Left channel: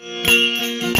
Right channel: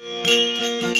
Música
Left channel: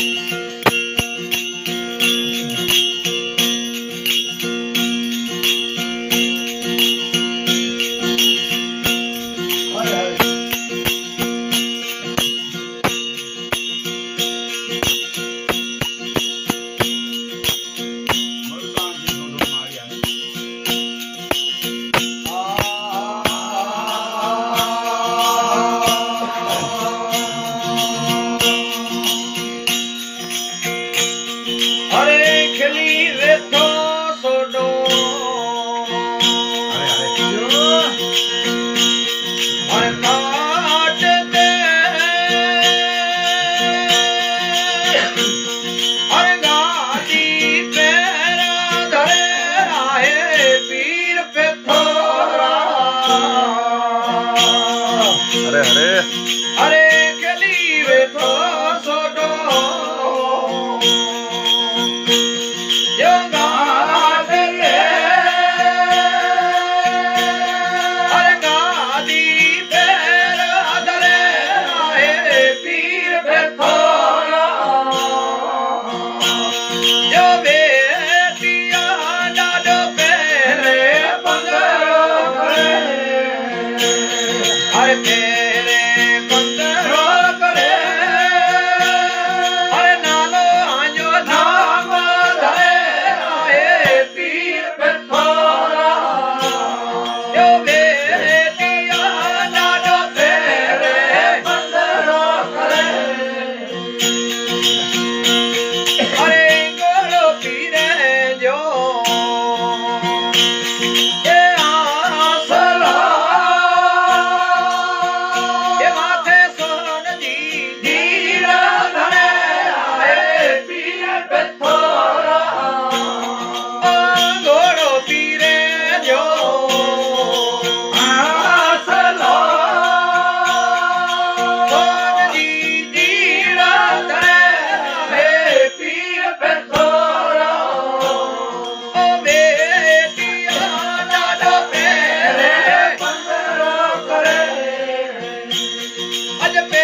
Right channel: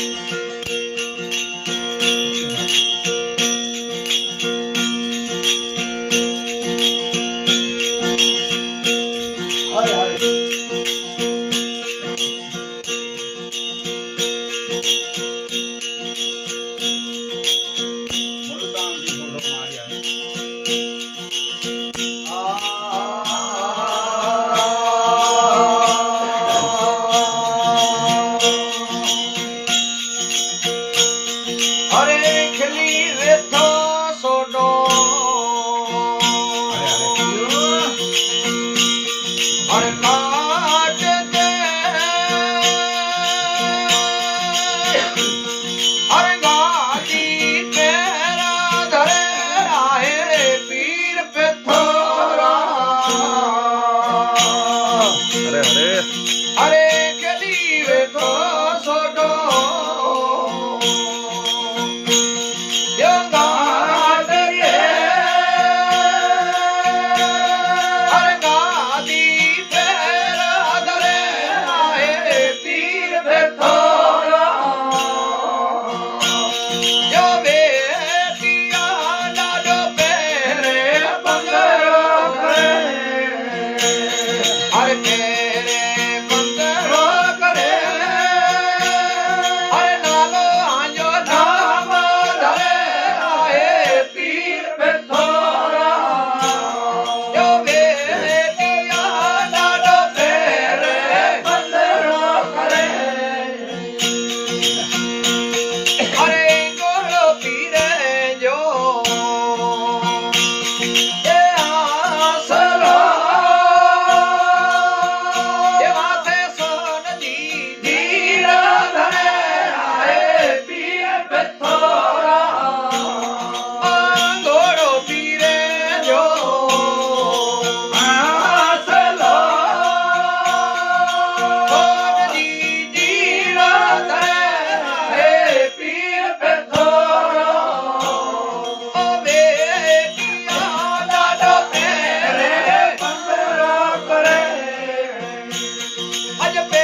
あれあれ。あれ the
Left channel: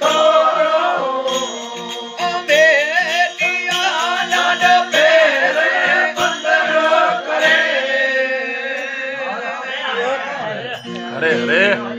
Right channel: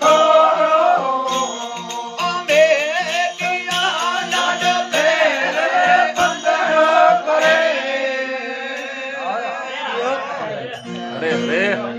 Nazaré.